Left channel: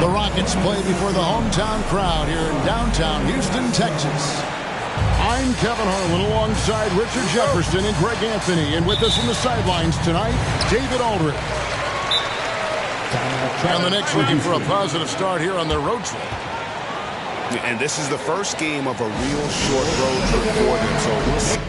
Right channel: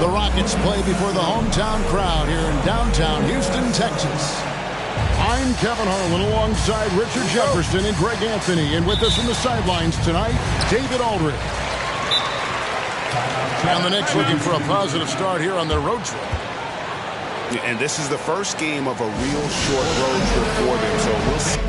The Rockets play before the hometown crowd here in downtown Houston, Texas. I'm Kevin Harlan alongside Richard Jefferson and Greg Anthony. And with us from the sidelines tonight, David Aldridge. And the Knicks looking for a positive start here on their road trip. And this is the first game of a real short road trip for them, so we'll see.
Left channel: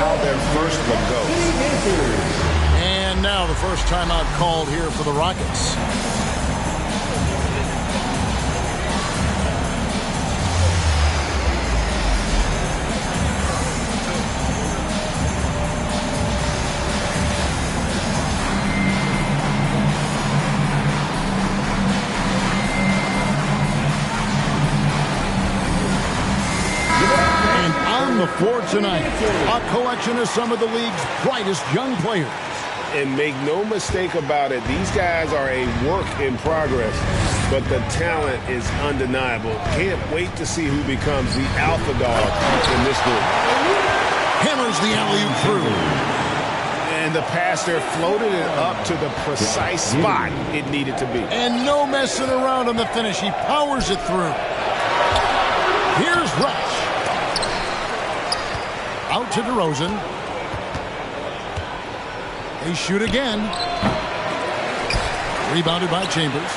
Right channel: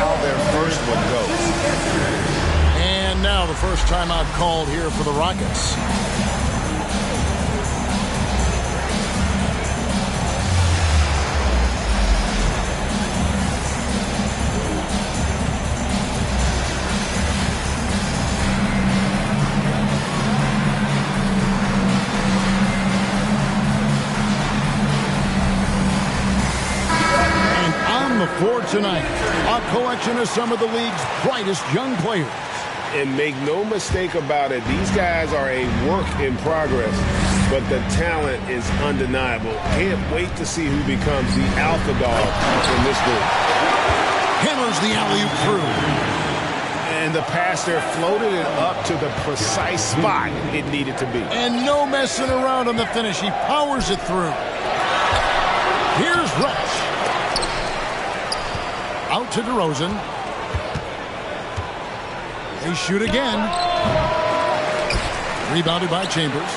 How their first one goes. And now the first timeout called here for the Rockets. On the floor tonight, a collection of some of the league's brightest young players. And make no mistake about it, these guys are a work in progress, but the talent is undeniable. Can't wait to see who becomes the alpha dog in this group. Hammers the alley-oop through. And the pass there floated it up to the precise spot it needed to be. And no messing around on the finish. He powers it through. Here's Rush. Out to DeRozan. They shoot again. Rebounded by Chambers.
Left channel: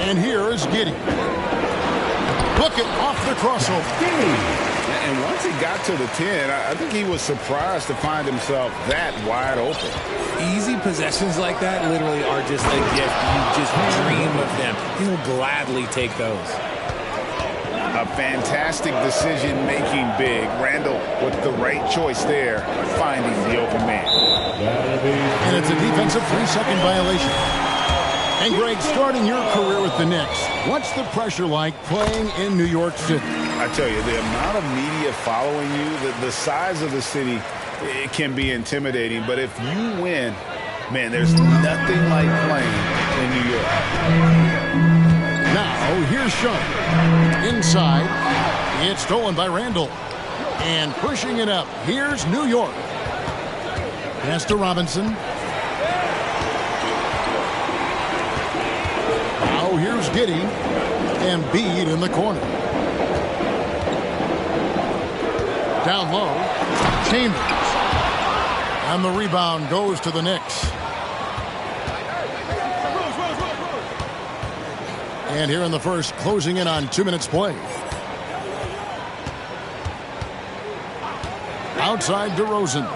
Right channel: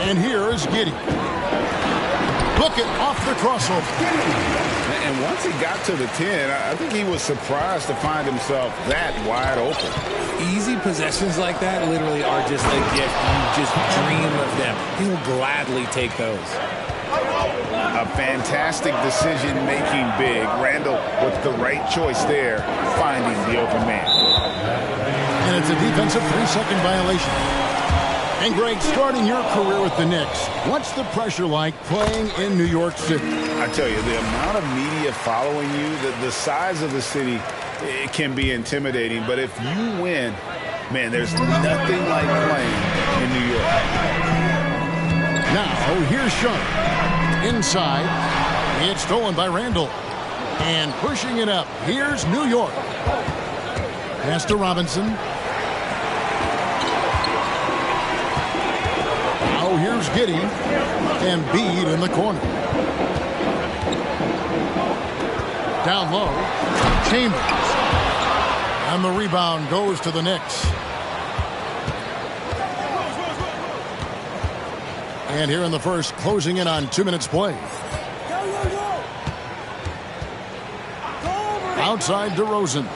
And here is Giddey. Book it off the crossover. And once he got to the 10, I think he was surprised to find himself that wide open. Easy possessions like that literally are just a gift. You just dream of them. He'll gladly take those. A fantastic decision-making big. Randall with the right choice there, finding the open man. And it's a defensive 3-second violation. And Greg, starting your career with the Knicks, what's the pressure like playing in New York City? I tell you, the amount of media following you, the size of the city, it can be intimidating. But if you win, man, there's nothing like playing in New York. Now, here's Sharp. Inside, it's stolen by Randall. And pushing it up, here's New York. Pass to Robinson. Now here's Giddey. And Embiid in the corner. Down low, Chambers. And the rebound goes to the Knicks. And here in the first, closing in on 2 minutes play. Outside DeRozan.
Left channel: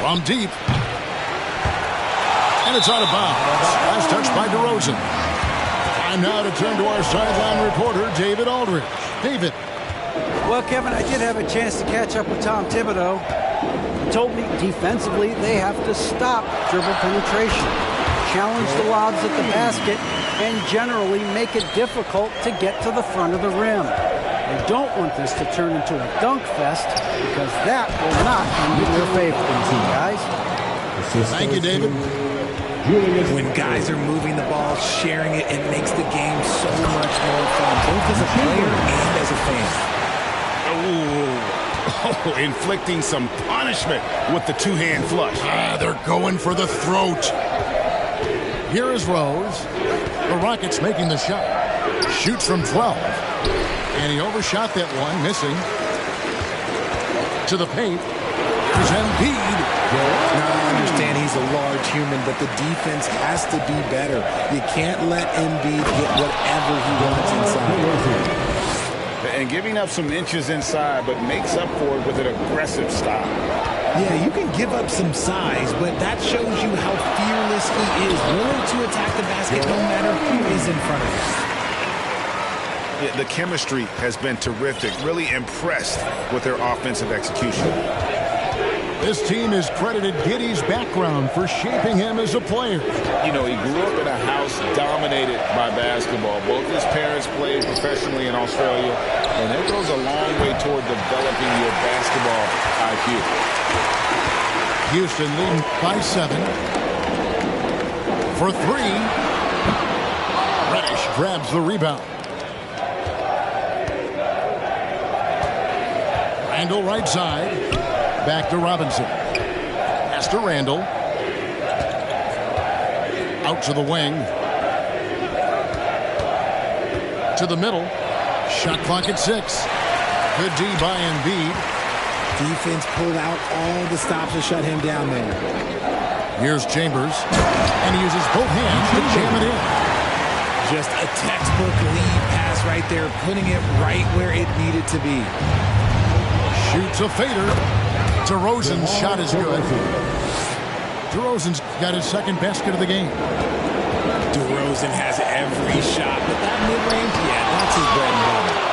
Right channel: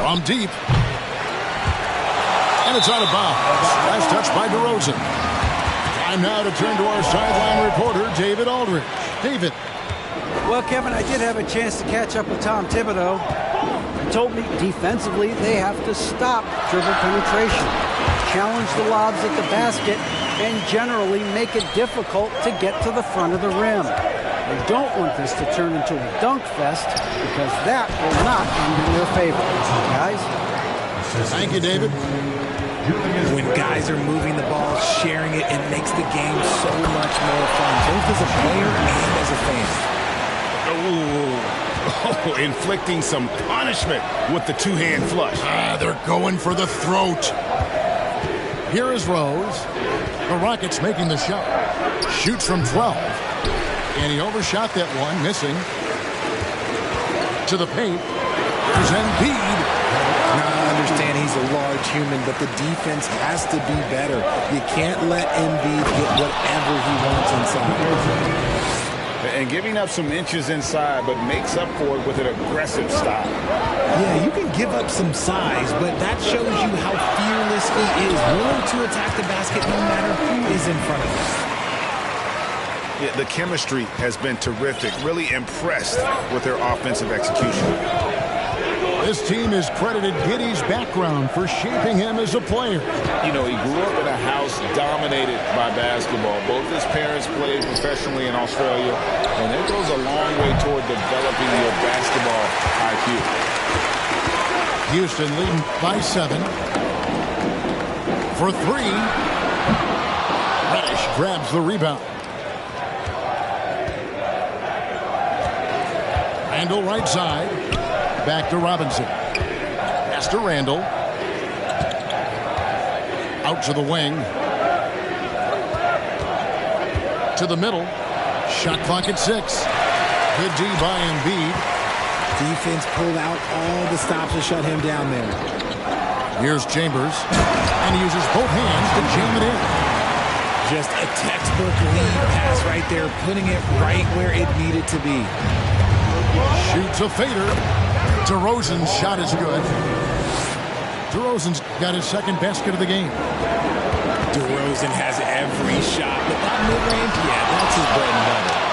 From deep. And it's out of bounds. Last touch by DeRozan. Time now to turn to our sideline reporter, David Aldridge. David. Well, Kevin, I did have a chance to catch up with Tom Thibodeau. He told me defensively they have to stop dribble penetration, challenge the lobs at the basket, and generally make it difficult to get to the front of the rim. They don't want this to turn into a dunk fest because that will not end in their favor. Guys? Thank you, David. When guys are moving the ball, sharing it, it makes the game so much more fun, both as a player and as a fan. Oh, inflicting some punishment with the two-hand flush. They're going for the throat. Here is Rose. The Rockets making the shot. Shoots from 12. And he overshot that one, missing. To the paint. Here's Embiid. Now, I understand he's a large human, but the defense has to be better. You can't let Embiid get whatever he wants inside. And giving up some inches inside, but makes up for it with an aggressive style. Yeah, you can give up some size, but that shows you how fearless he is, willing to attack the basket no matter who is in front of him. Yeah, the chemistry has been terrific. Really impressed with their offensive execution. This team is credited Giddey's background for shaping him as a player. You know, he grew up in a house dominated by basketball. Both his parents played professionally in Australia, and it goes a long way toward developing your basketball IQ. Houston leading by 7. For 3. Reddish grabs the rebound. Randall right side. Back to Robinson. Pass to Randall. Out to the wing. To the middle. Shot clock at 6. Good D by Embiid. Defense pulled out all the stops to shut him down there. Here's Chambers. And he uses both hands to jam it in. Just a textbook lead pass right there, putting it right where it needed to be. Shoots a fader. DeRozan's shot is good. DeRozan's got his second basket of the game. DeRozan has every shot, but that mid-range, yeah, that's his bread and butter.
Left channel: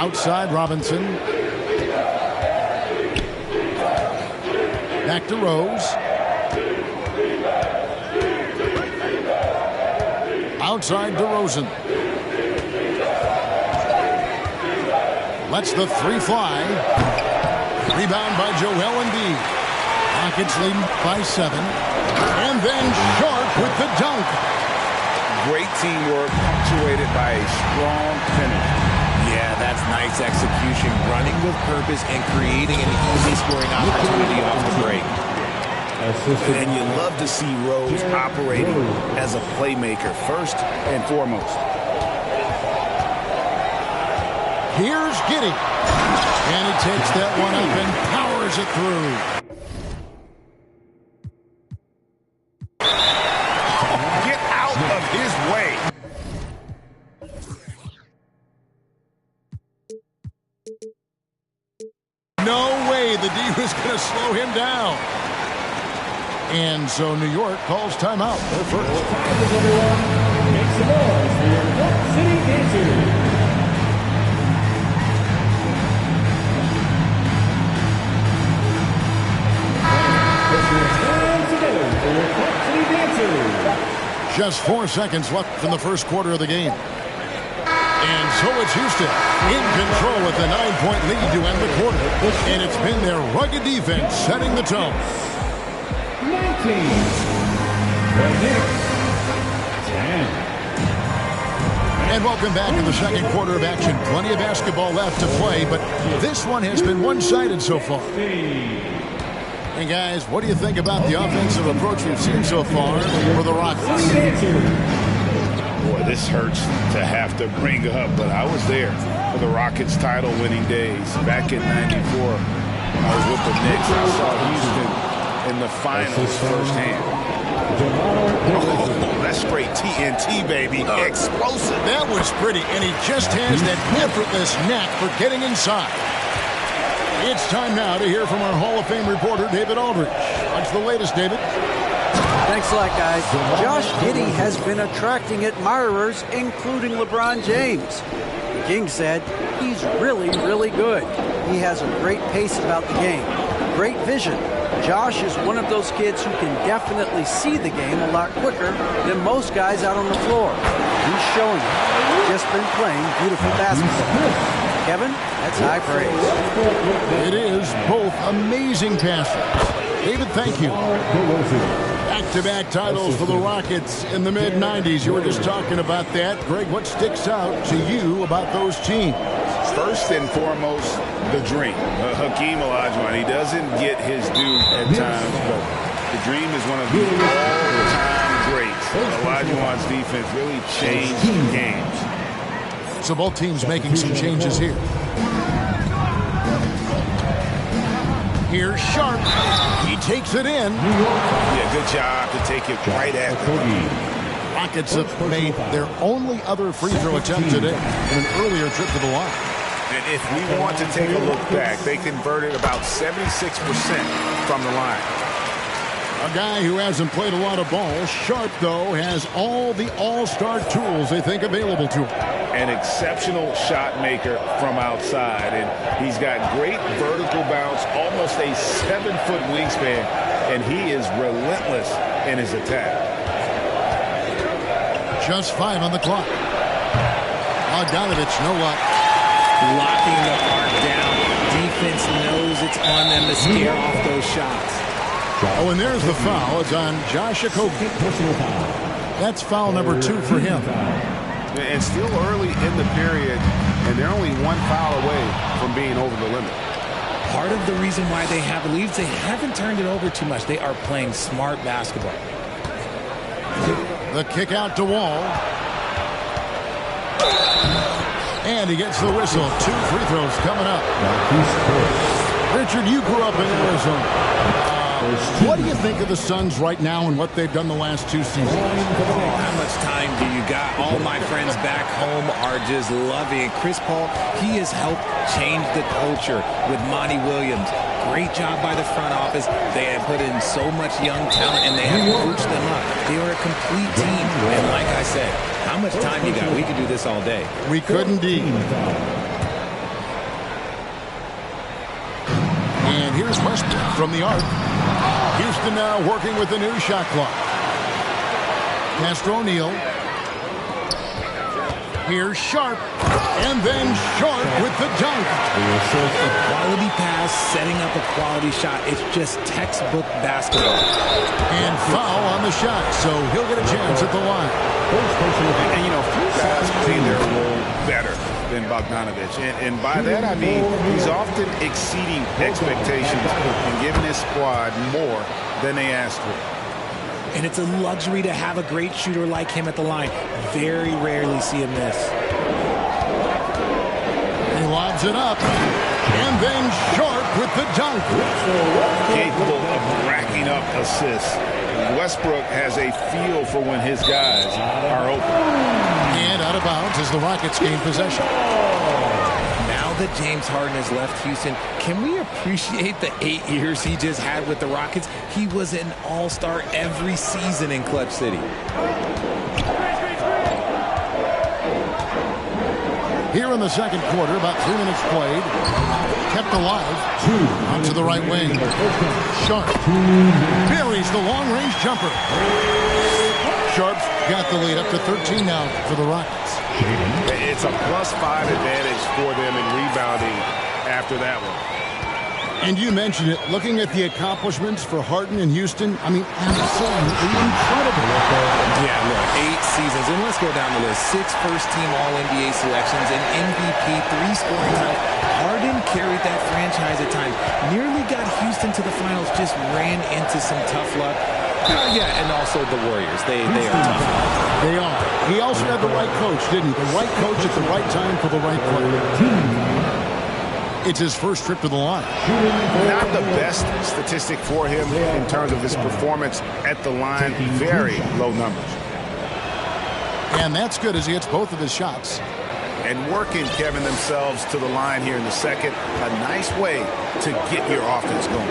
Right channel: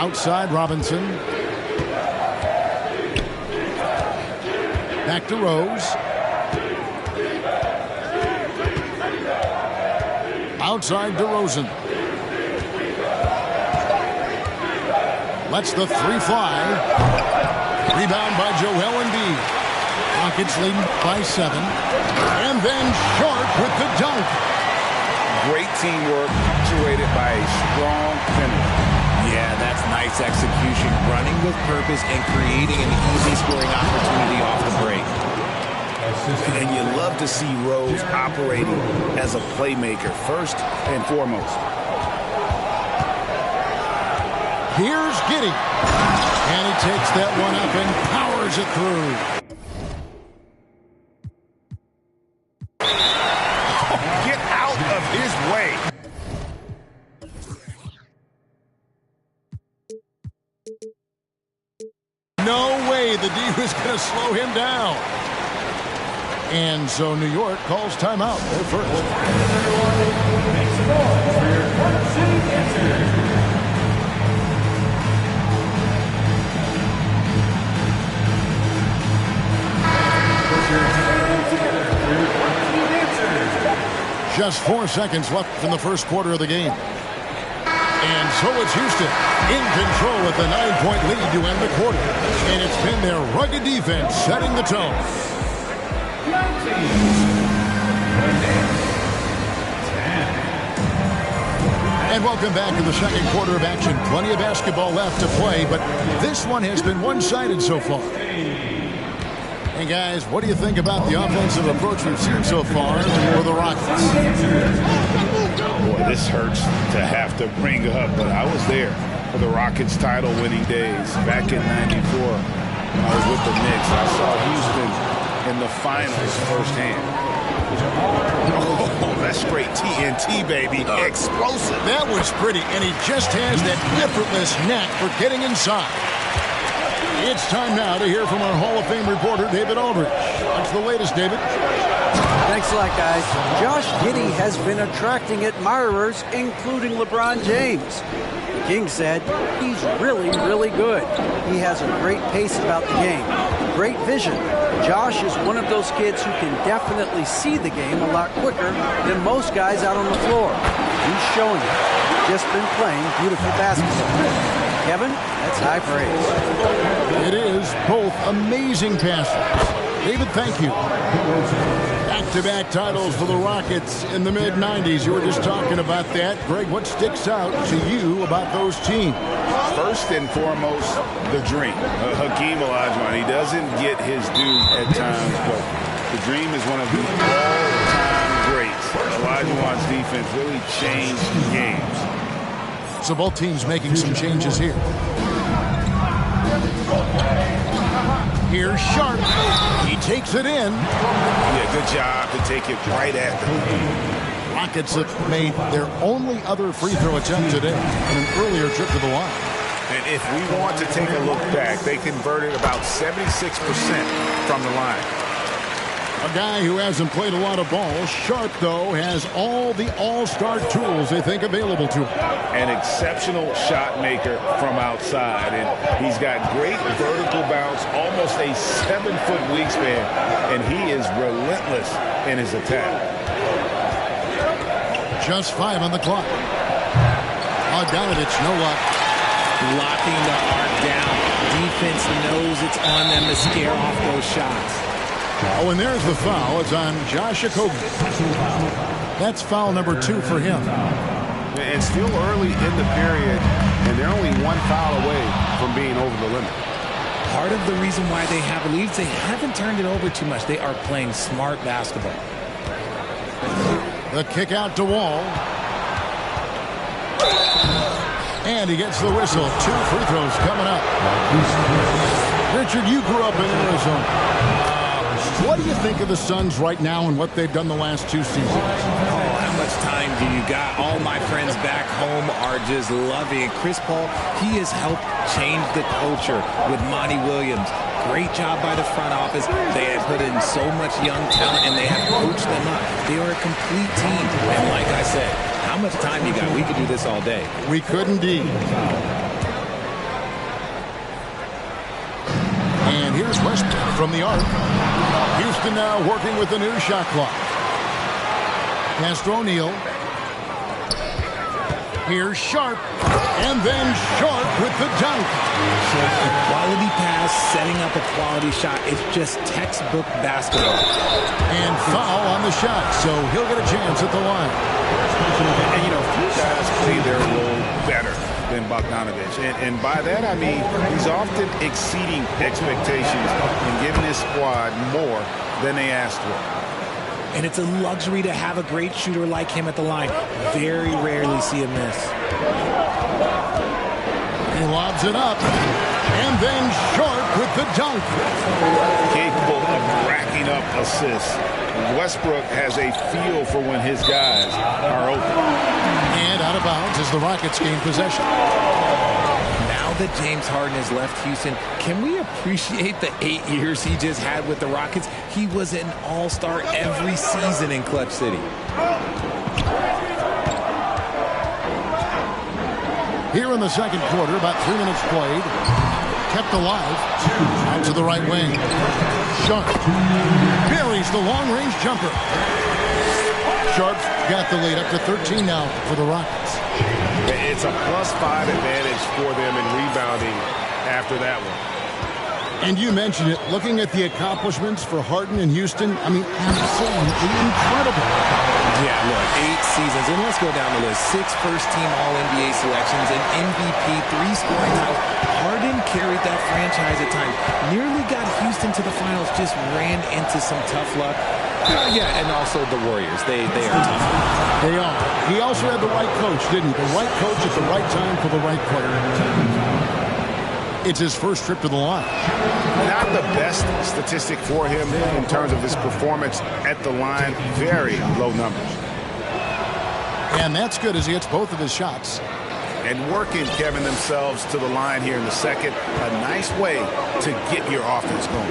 Outside Robinson. Back to Rose. Outside DeRozan. Lets the 3 fly. Rebound by Joel Embiid. Rockets leading by 7. And then Sharp with the dunk. Great teamwork punctuated by a strong finish. Yeah, that's nice execution, running with purpose and creating an easy scoring opportunity off the break. And you love to see Rose operating as a playmaker first and foremost. Here's Giddey. And he takes that one up and powers it through. Get out of his way. No way the D was going to slow him down. And so New York calls timeout. They're first. Make some noise for your Park City Dancers. Just 4 seconds left in the first quarter of the game. And so it's Houston in control with a 9-point lead to end the quarter. And it's been their rugged defense setting the tone. 19. The Knicks. 10. And welcome back to the second quarter of action. Plenty of basketball left to play, but this one has been one-sided so far. And guys, what do you think about the offensive approach we've seen so far for the Rockets? Boy, this hurts to have to bring up, but I was there for the Rockets title-winning days back in '94 when I was with the Knicks. I saw Houston in the finals firsthand. Oh, that's straight TNT, baby. Explosive. That was pretty, and he just has that effortless knack for getting inside. It's time now to hear from our Hall of Fame reporter, David Aldridge. What's the latest, David? Thanks a lot, guys. Josh Giddey has been attracting admirers, including LeBron James. The King said he's really, really good. He has a great pace about the game, great vision, Josh is one of those kids who can definitely see the game a lot quicker than most guys out on the floor. He's showing it. Just been playing beautiful basketball. Kevin, that's high praise. It is both amazing passers. David, thank you. Back-to-back titles for the Rockets in the mid-90s. You were just talking about that. Greg, what sticks out to you about those teams? First and foremost, the dream. Hakeem Olajuwon, he doesn't get his due at times, but the dream is one of the all-time greats. Olajuwon's defense really changed games. So both teams making some changes here. Here's Sharp. He takes it in. Yeah, good job to take it right at the line. Rockets have made their only other free throw attempt today in an earlier trip to the line. And if we want to take a look back, they converted about 76% from the line. A guy who hasn't played a lot of ball. Sharp, though, has all the all-star tools they think available to him. An exceptional shot maker from outside, and he's got great vertical bounce, almost a 7-foot wingspan, and he is relentless in his attack. Just 5 on the clock. Bogdanovich, no luck. Locking the arc down. Defense knows it's on them to scare off those shots. Oh, and there's the foul. It's on Josh Okogie. That's foul number 2 for him. And still early in the period, and they're only 1 foul away from being over the limit. Part of the reason why they have leads, they haven't turned it over too much. They are playing smart basketball. The kick out to Wall. And he gets the whistle. 2 free throws coming up. Richard, you grew up in Arizona. What do you think of the Suns right now and what they've done the last 2 seasons? Oh, how much time do you got? All my friends back home are just loving it. Chris Paul, he has helped change the culture with Monty Williams. Great job by the front office. They have put in so much young talent, and they have coached them up. They are a complete team. And like I said, how much time you got? We could do this all day. We could indeed. And here's Westbrook from the arc. Houston now working with the new shot clock. Castro O'Neal. Here's Sharp. And then Sharp with the dunk. A quality pass, setting up a quality shot. It's just textbook basketball. And foul on the shot, so he'll get a chance at the line. And, you know, few guys play their role better than Bogdanovich. And by that, I mean he's often exceeding expectations and giving his squad more than they asked for. And it's a luxury to have a great shooter like him at the line. Very rarely see him miss. He lobs it up. And then Sharp with the dunk. Capable of racking up assists. Westbrook has a feel for when his guys are open. And out of bounds as the Rockets gain possession. Now that James Harden has left Houston, can we appreciate the 8 years he just had with the Rockets? He was an all-star every season in Clutch City. Here in the second quarter, about 3 minutes played. Kept alive. Out to the right wing. Sharp buries the long-range jumper. Sharp's got the lead up to 13 now for the Rockets. It's a +5 advantage for them in rebounding after that one. And you mentioned it, looking at the accomplishments for Harden in Houston, I mean, absolutely incredible. Yeah, look, 8 seasons, and let's go down the list. 6 first-team All-NBA selections, an MVP, 3 scoring titles. Harden carried that franchise at times. Nearly got Houston to the finals, just ran into some tough luck. Yeah, and also the Warriors. They are tough. They are. He also had the right coach, didn't he? The right coach at the right time for the right player. It's his first trip to the line. Not the best statistic for him in terms of his performance at the line. Very low numbers. And that's good as he hits both of his shots. And working, Kevin, themselves to the line here in the second. A nice way to get your offense going.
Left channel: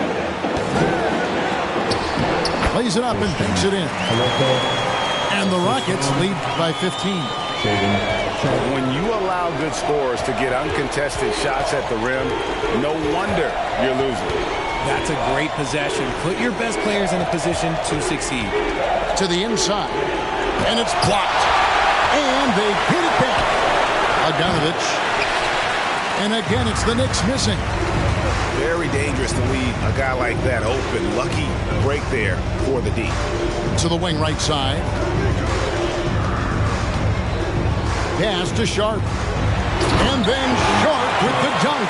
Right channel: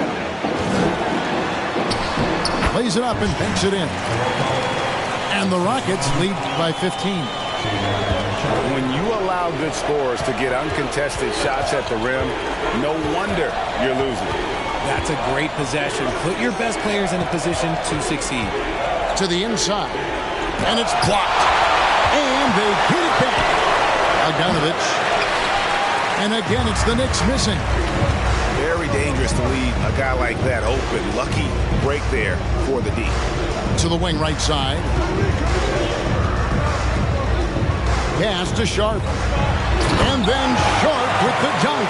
Plays it up and banks it in. And the Rockets lead by 15. When you allow good scorers to get uncontested shots at the rim, no wonder you're losing. That's a great possession. Put your best players in a position to succeed. To the inside. And it's blocked. And they get it back. Bogdanovich. And again, it's the Knicks missing. Very dangerous to leave a guy like that open. Lucky break there for the D. To the wing right side. Pass to Sharp. And then Sharp with the dunk.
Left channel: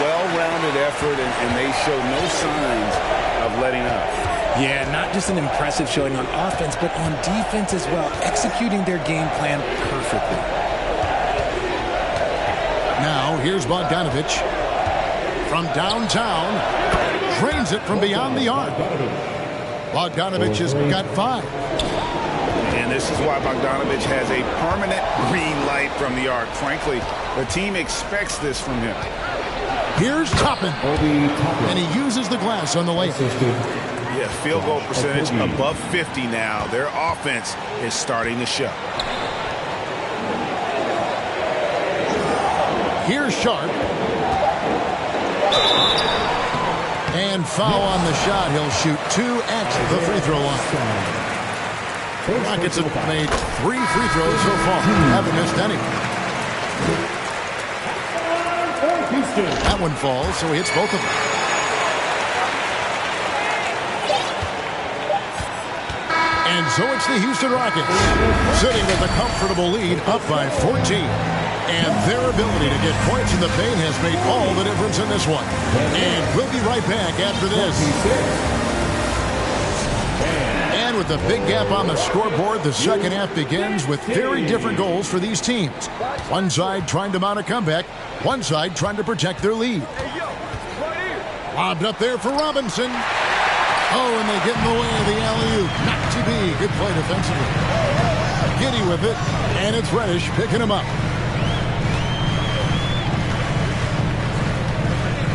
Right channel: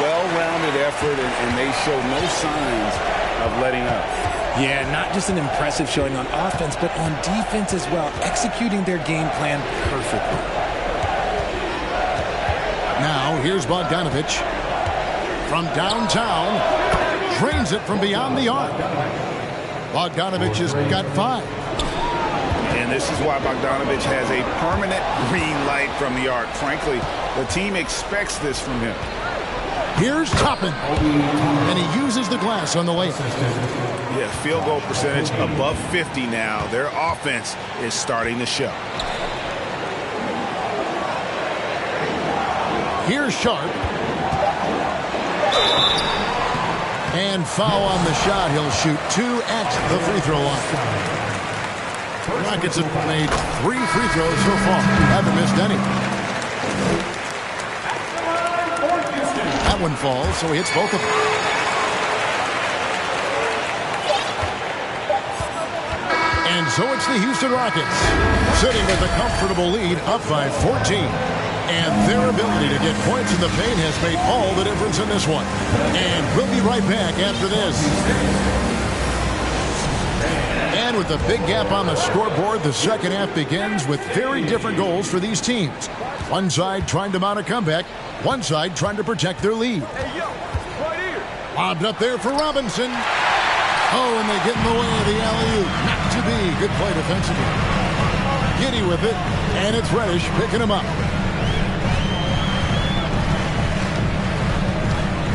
Well-rounded effort, and they show no signs of letting up. Yeah, not just an impressive showing on offense, but on defense as well, executing their game plan perfectly. Now, here's Bogdanovich from downtown. Drains it from beyond the arc. Bogdanovich has got 5. And this is why Bogdanovich has a permanent green light from the arc. Frankly, the team expects this from him. Here's Toppin. And he uses the glass on the layup. Yeah, field goal percentage above 50 now. Their offense is starting to show. Here's Sharp. And foul on the shot. He'll shoot 2 at the free throw line. The Rockets have made 3 free throws so far. Haven't missed any. That one falls, so he hits both of them. And so it's the Houston Rockets, sitting with a comfortable lead, up by 14. And their ability to get points in the paint has made all the difference in this one. And we'll be right back after this. And with the big gap on the scoreboard, the second half begins with very different goals for these teams. One side trying to mount a comeback, one side trying to protect their lead. Lobbed up there for Robinson. Oh, and they get in the way of the alley-oop. Not to be. Good play defensively. Giddey with it, and it's Reddish picking him up.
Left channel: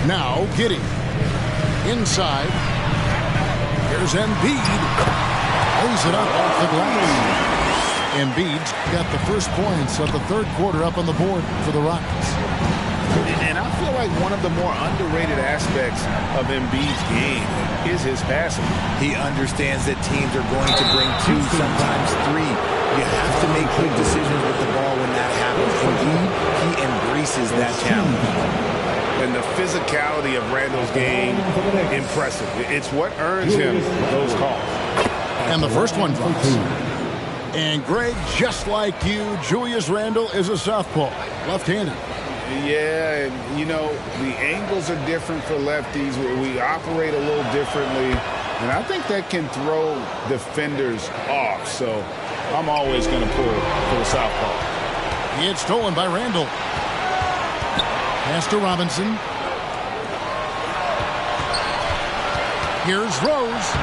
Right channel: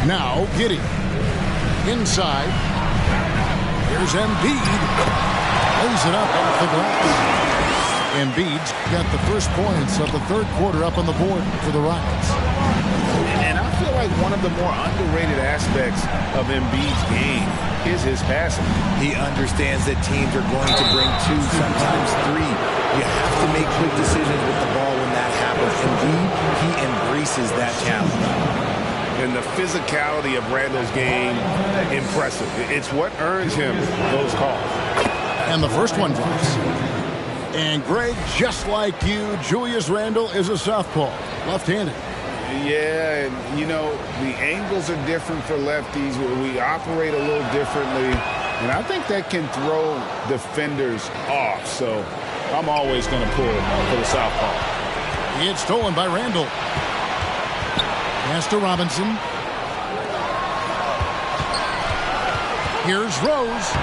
Now Giddey. Inside. Here's Embiid. Lays it up off the glass. Embiid's got the first points of the third quarter up on the board for the Rockets. And I feel like one of the more underrated aspects of Embiid's game is his passing. He understands that teams are going to bring 2, sometimes 3. You have to make quick decisions with the ball when that happens. Embiid, he embraces that challenge. And the physicality of Randle's game, impressive. It's what earns him those calls. And the first one drops. And Greg, just like you, Julius Randle is a southpaw, left-handed. Yeah, and you know, the angles are different for lefties. We operate a little differently. And I think that can throw defenders off. So I'm always going to pull for the southpaw. It's stolen by Randle. Pass to Robinson. Here's Rose.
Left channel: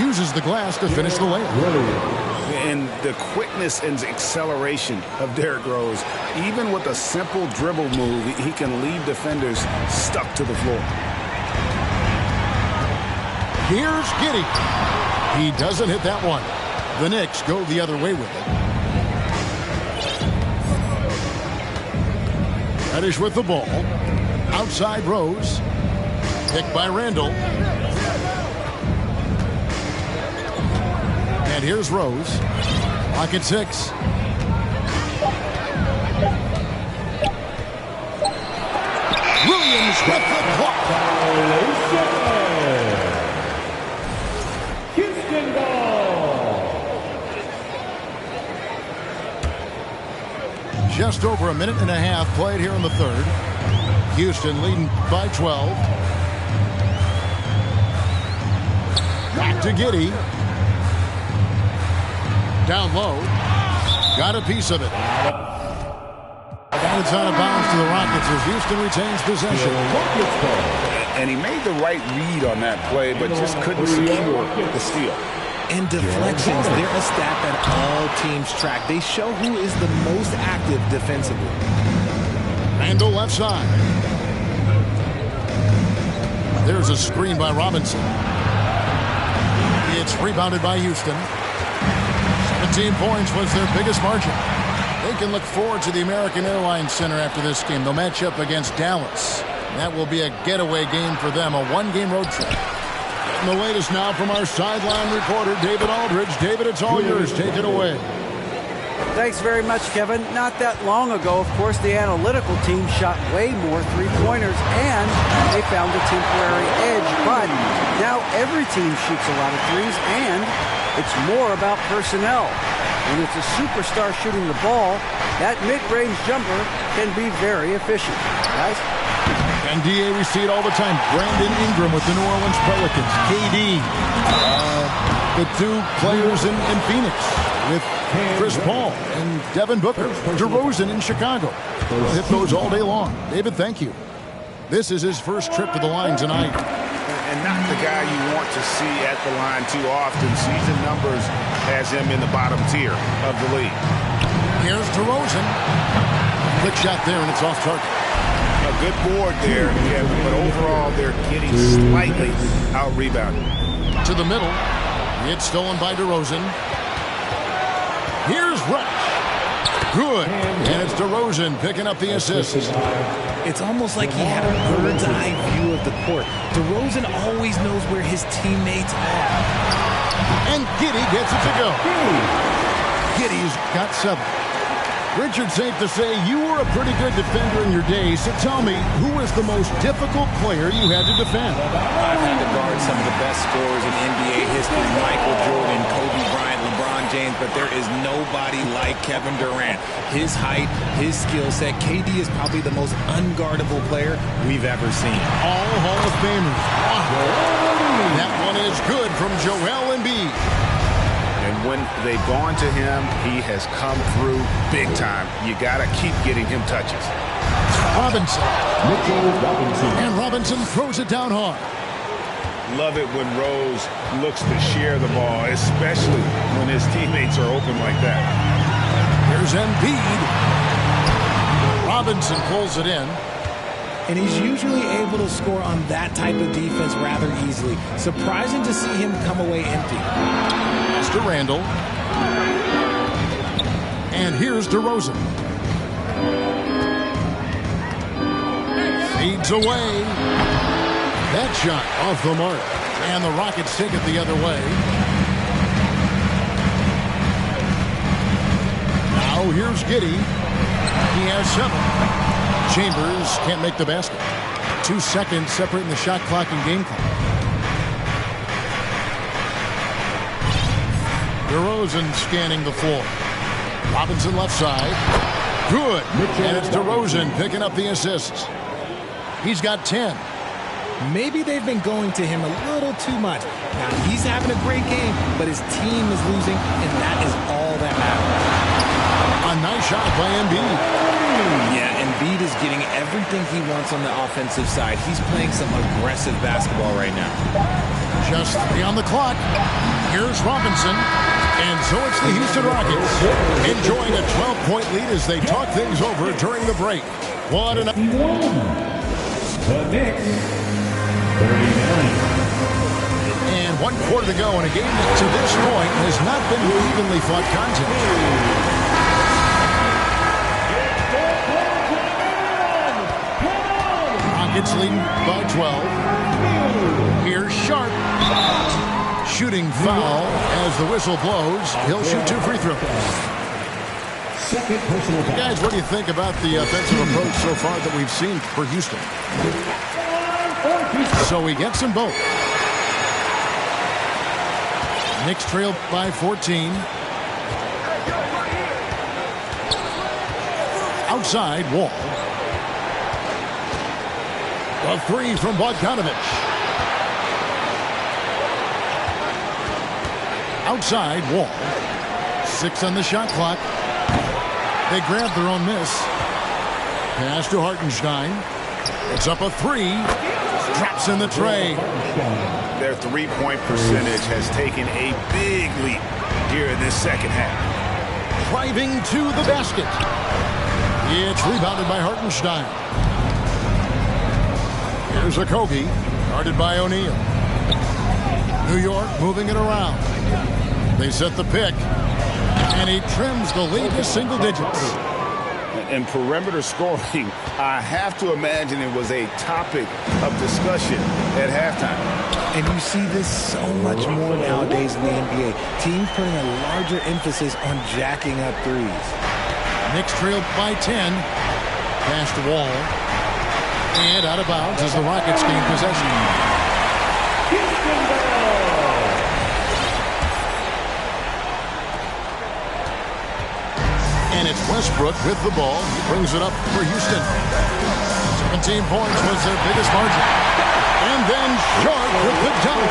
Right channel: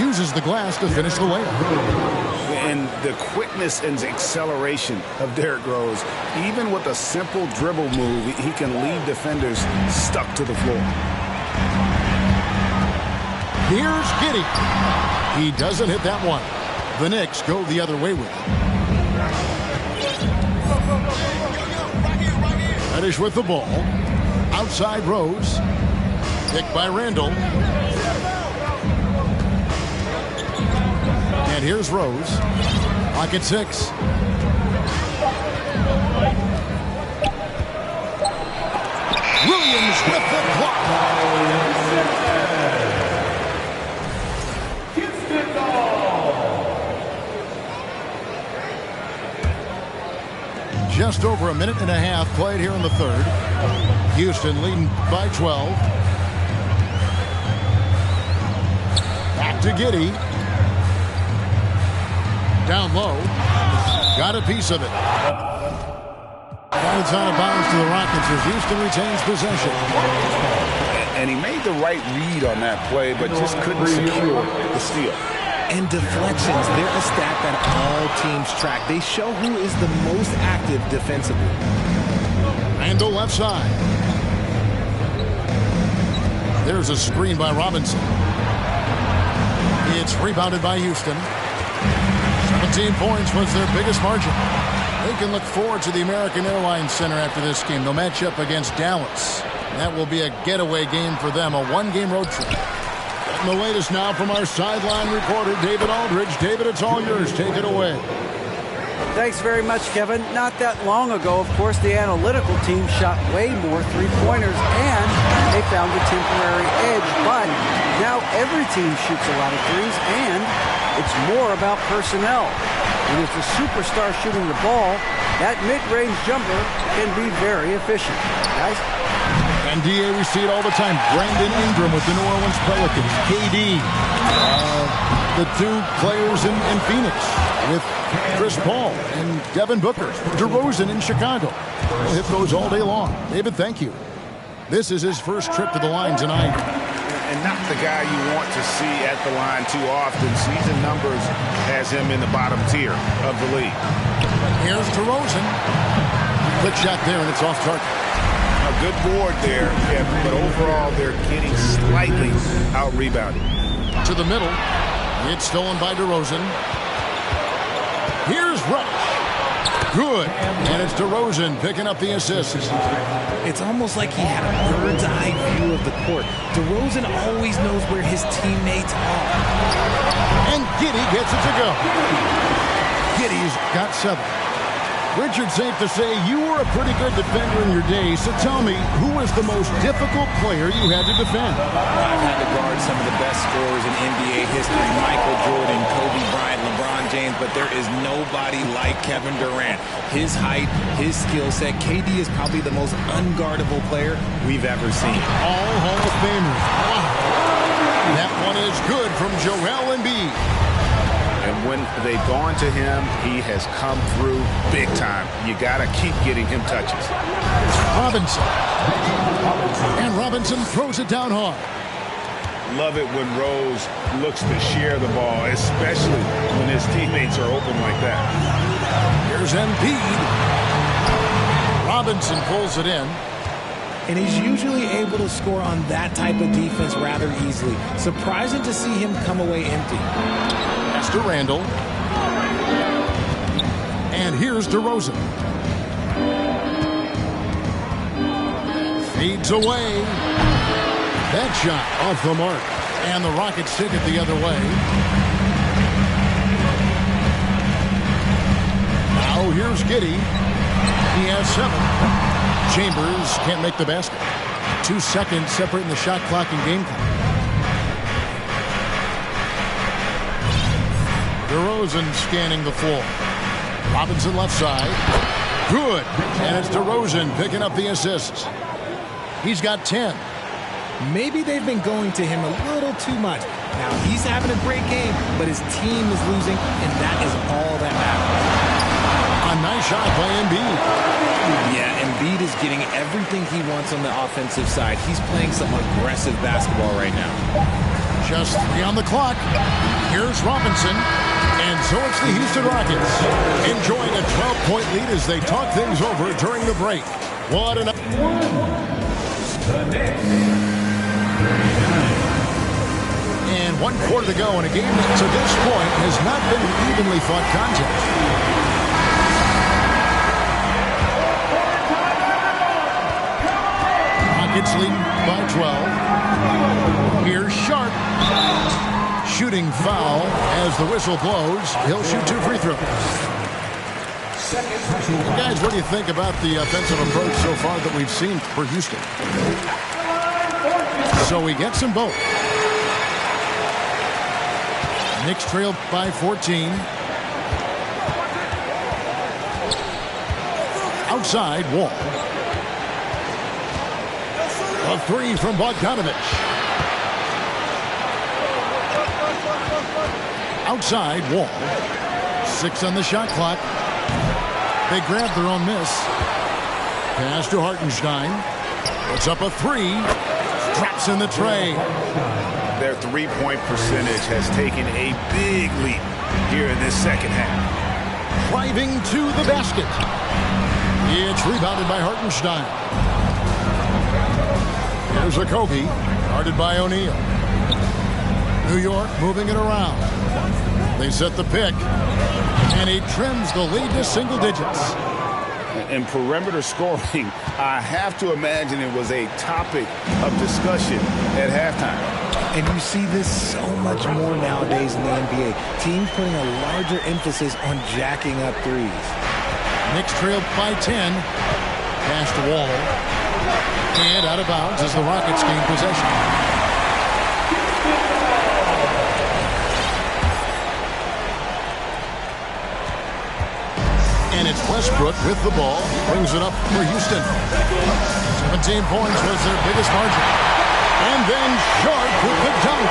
Uses the glass to finish the layup. And the quickness and acceleration of Derrick Rose, even with a simple dribble move, he can leave defenders stuck to the floor. Here's Giddey. He doesn't hit that one. The Knicks go the other way with it. Reddish with the ball. Outside Rose. Picked by Randle. And here's Rose. Clock at 6. Williams with the block. Houston ball. Just over a minute and a half played here in the third. Houston leading by 12. Back to Giddey. Down low. Got a piece of it. And it's out of bounds to the Rockets as Houston retains possession. And he made the right read on that play, but just couldn't secure the steal. And deflections, they're a stat that all teams track. They show who is the most active defensively. Randle left side. There's a screen by Robinson. It's rebounded by Houston. 17 points was their biggest margin. They can look forward to the American Airlines Center after this game. They'll match up against Dallas. That will be a getaway game for them, a one-game road trip. Getting the latest now from our sideline reporter, David Aldridge. David, it's all yours. Take it away. Thanks very much, Kevin. Not that long ago, of course, the analytical team shot way more three-pointers, and they found a temporary edge. But now every team shoots a lot of threes, and it's more about personnel. When it's a superstar shooting the ball, that mid-range jumper can be very efficient. Guys? And, D.A., we see it all the time. Brandon Ingram with the New Orleans Pelicans. KD. The two players in Phoenix with Chris Paul and Devin Booker. DeRozan in Chicago. We'll hit those all day long. David, thank you. This is his first trip to the line tonight. And not the guy you want to see at the line too often. Season numbers has him in the bottom tier of the league. Here's DeRozan. Quick shot there, and it's off target. A good board there, Kevin, but overall they're getting slightly out-rebounded. To the middle. It's stolen by DeRozan. Here's Reddish. Good. And it's DeRozan picking up the assist. It's almost like he had a bird's eye view of the court. DeRozan always knows where his teammates are. And Giddey gets it to go. Giddey's got 7. Richard, safe to say you were a pretty good defender in your day, so tell me, who was the most difficult player you had to defend? I've had to guard some of the best scorers in NBA history, Michael Jordan, Kobe Bryant, LeBron James, but there is nobody like Kevin Durant. His height, his skill set, KD is probably the most unguardable player we've ever seen. All Hall of Famers. Wow. That one is good from Joel Embiid. And when they've gone to him, he has come through big time. You got to keep getting him touches. Robinson. And Robinson throws it down hard. Love it when Rose looks to share the ball, especially when his teammates are open like that. Here's Embiid. Robinson pulls it in. And he's usually able to score on that type of defense rather easily. Surprising to see him come away empty. Pass to Randall. And here's DeRozan. Fades away. That shot off the mark. And the Rockets take it the other way. Now here's Giddey. He has 7. Chambers can't make the basket. 2 seconds separating the shot clock and game clock. DeRozan scanning the floor. Robinson left side. Good. And it's DeRozan picking up the assists. He's got 10. Maybe they've been going to him a little too much. Now he's having a great game, but his team is losing, and that is all that matters. A nice shot by Embiid. Yeah, Embiid is getting everything he wants on the offensive side. He's playing some aggressive basketball right now. Just 3 on the clock. Here's Robinson. And so it's the Houston Rockets enjoying a 12-point lead as they talk things over during the break. What an... The Knicks, 39. And 1 quarter to go in a game that to this point has not been an evenly fought contest. Rockets leading by 12. Here's Sharp. Shooting foul as the whistle blows. He'll shoot 2 free throws. And guys, what do you think about the offensive approach so far that we've seen for Houston? So he gets them both. Knicks trail by 14. Outside, Wall. A 3 from Bogdanovich. Outside, Wall. 6 on the shot clock. They grab their own miss. Pass to Hartenstein. Puts up a 3. Drops in the tray. Their three-point percentage has taken a big leap here in this second half. Driving to the basket. It's rebounded by Hartenstein. Here's a Kobe, guarded by O'Neal. New York moving it around. They set the pick, and he trims the lead to single digits. And perimeter scoring, I have to imagine it was a topic of discussion at halftime. And you see this so much more nowadays in the NBA. Teams putting a larger emphasis on jacking up threes. Knicks trailed by 10. Pass to Wall. And out of bounds as the Rockets gain possession. And it's Westbrook with the ball. He brings it up for Houston. 17 points was their biggest margin. And then Sharp with the dunk.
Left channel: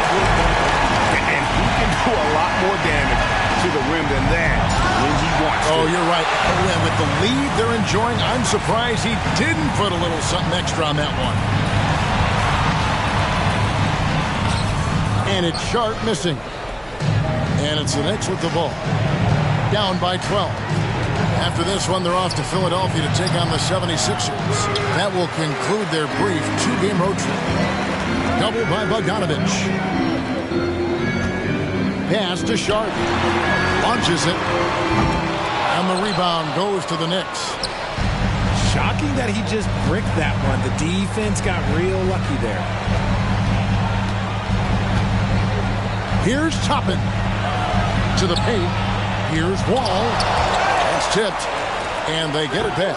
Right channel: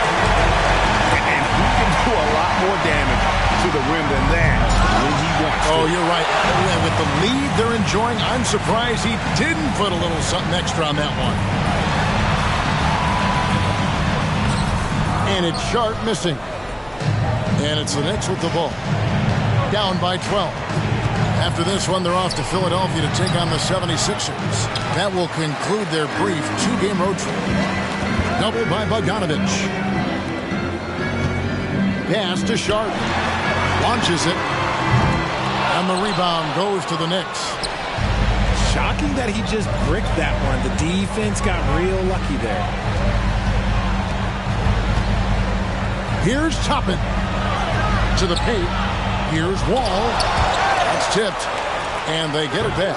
And he can do a lot more damage to the rim than that when he wants to. Oh, you're right. And with the lead they're enjoying, I'm surprised he didn't put a little something extra on that one. And it's Sharp missing. And it's the Knicks with the ball. Down by 12. After this one, they're off to Philadelphia to take on the 76ers. That will conclude their brief two-game road trip. Double by Bogdanovich. Pass to Sharp. Launches it. And the rebound goes to the Knicks. Shocking that he just bricked that one. The defense got real lucky there. Here's Toppin. To the paint. Here's Wall. That's tipped. And they get it back.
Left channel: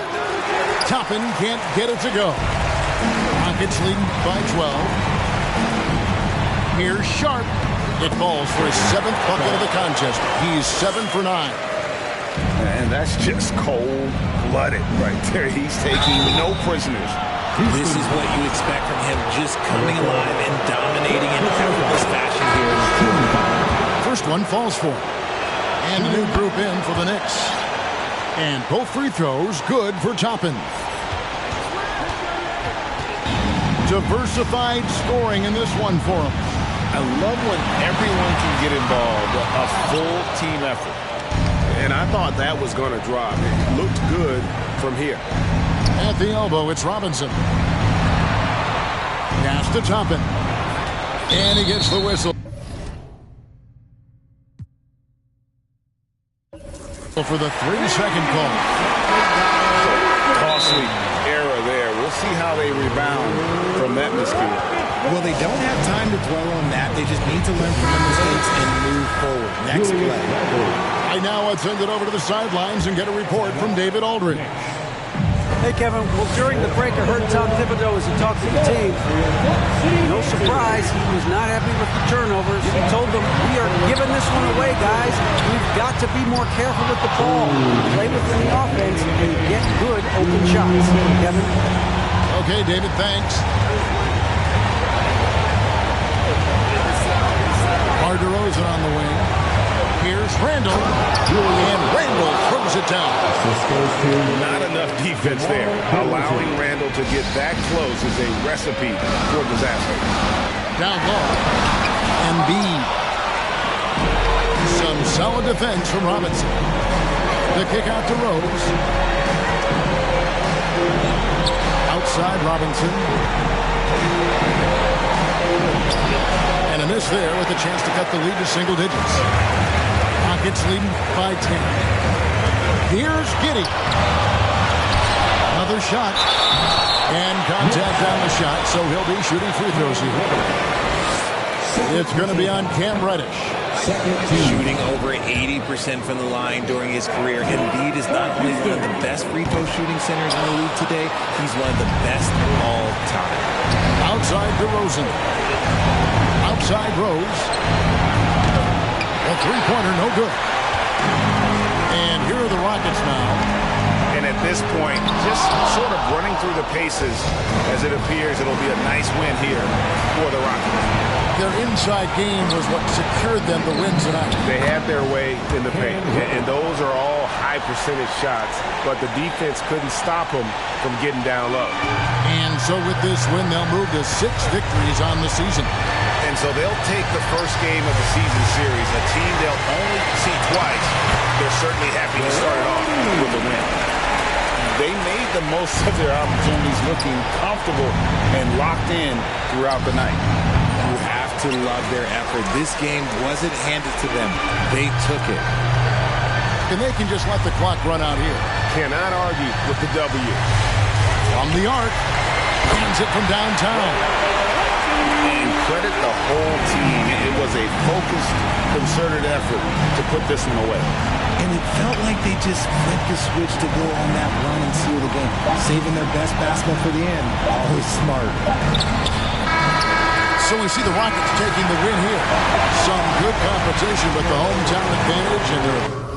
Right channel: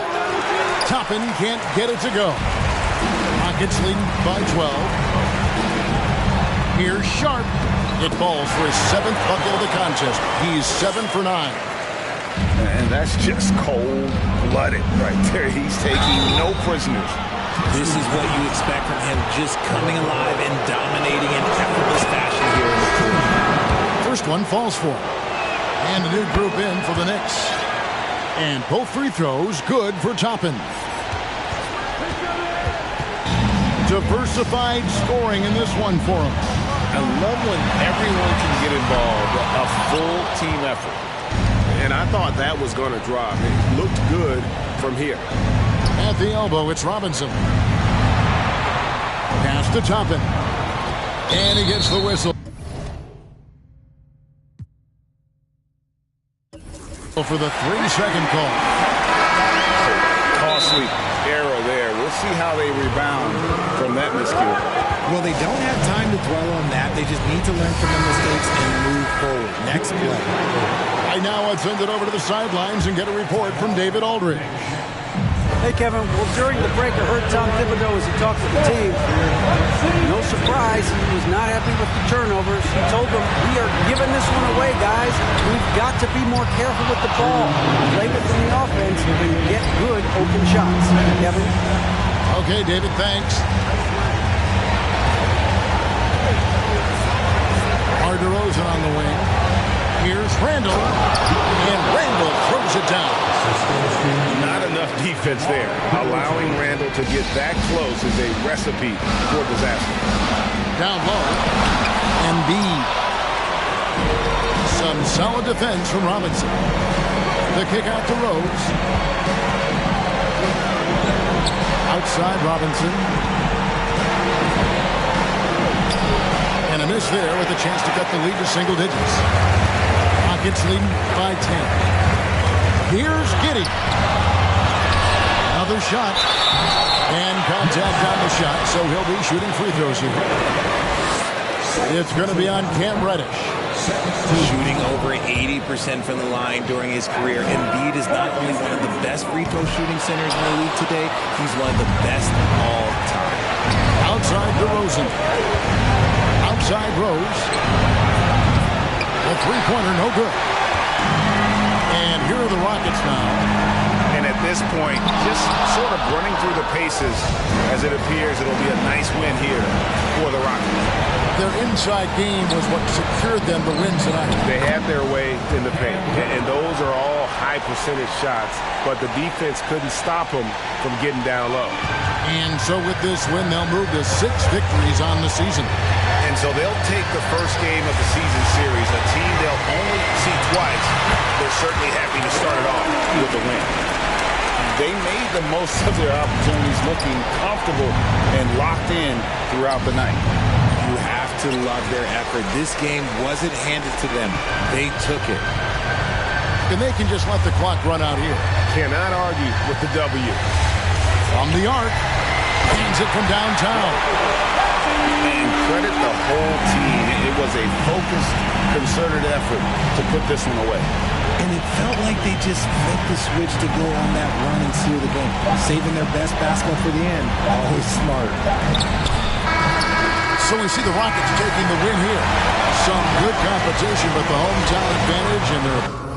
Toppin can't get it to go. Rockets leading by 12. Here's Sharp. It falls for his 7th bucket of the contest. He's 7 for 9. And that's just cold-blooded right there. He's taking no prisoners. This is what you expect from him, just coming alive and dominating in effortless fashion here in the court. First one falls for him. And a new group in for the Knicks. And both free throws good for Toppin. Diversified scoring in this one for him. I love when everyone can get involved, a full team effort. And I thought that was going to drop. It looked good from here. At the elbow, it's Robinson. Pass to Toppin. And he gets the whistle. For the 3-second call. So costly error there. We'll see how they rebound from that miscue. Well, they don't have time to dwell on that. They just need to learn from the mistakes and move forward. Next play. Right now, let's send it over to the sidelines and get a report from David Aldridge. Hey, Kevin. Well, during the break, I heard Tom Thibodeau as he talked to the team. No surprise, he was not happy with the turnovers. He told them, we are giving this one away, guys. We've got to be more careful with the ball, play within the offense, and get good open shots. Kevin? Okay, David, thanks. DeRozan on the wing. Here's Randall. And Randall throws it down. Not enough defense there. Allowing Randall to get that close is a recipe for disaster. Down low. Embiid. Some solid defense from Robinson. The kick out to Rose. Outside Robinson. And a miss there with a chance to cut the lead to single digits. Rockets leading by 10. Here's Giddey. Another shot. And contact on the shot, so he'll be shooting free throws here. It's going to be on Cam Reddish. Shooting over 80% from the line during his career. Embiid is not only one of the best free throw shooting centers in the league today, he's one of the best all time. Outside DeRozan. Outside Rose. A three-pointer, no good. And here are the Rockets now. And at this point, just sort of running through the paces as it appears it'll be a nice win here for the Rockets. Their inside game was what secured them the win tonight. They had their way in the paint, and those are all high-percentage shots, but the defense couldn't stop them from getting down low. And so with this win, they'll move to 6 victories on the season. And so they'll take the first game of the season series, a team they'll only see twice. They're certainly happy to start it off with a win. They made the most of their opportunities, looking comfortable and locked in throughout the night. You have to love their effort. This game wasn't handed to them. They took it. And they can just let the clock run out here. Cannot argue with the W. From the arc, hands it from downtown. And credit the whole team. It was a focused, concerted effort to put this one away. And it felt like they just flipped the switch to go on that run and seal the game, saving their best basketball for the end. Always smart. So we see the Rockets taking the win here. Some good competition, but the hometown advantage and their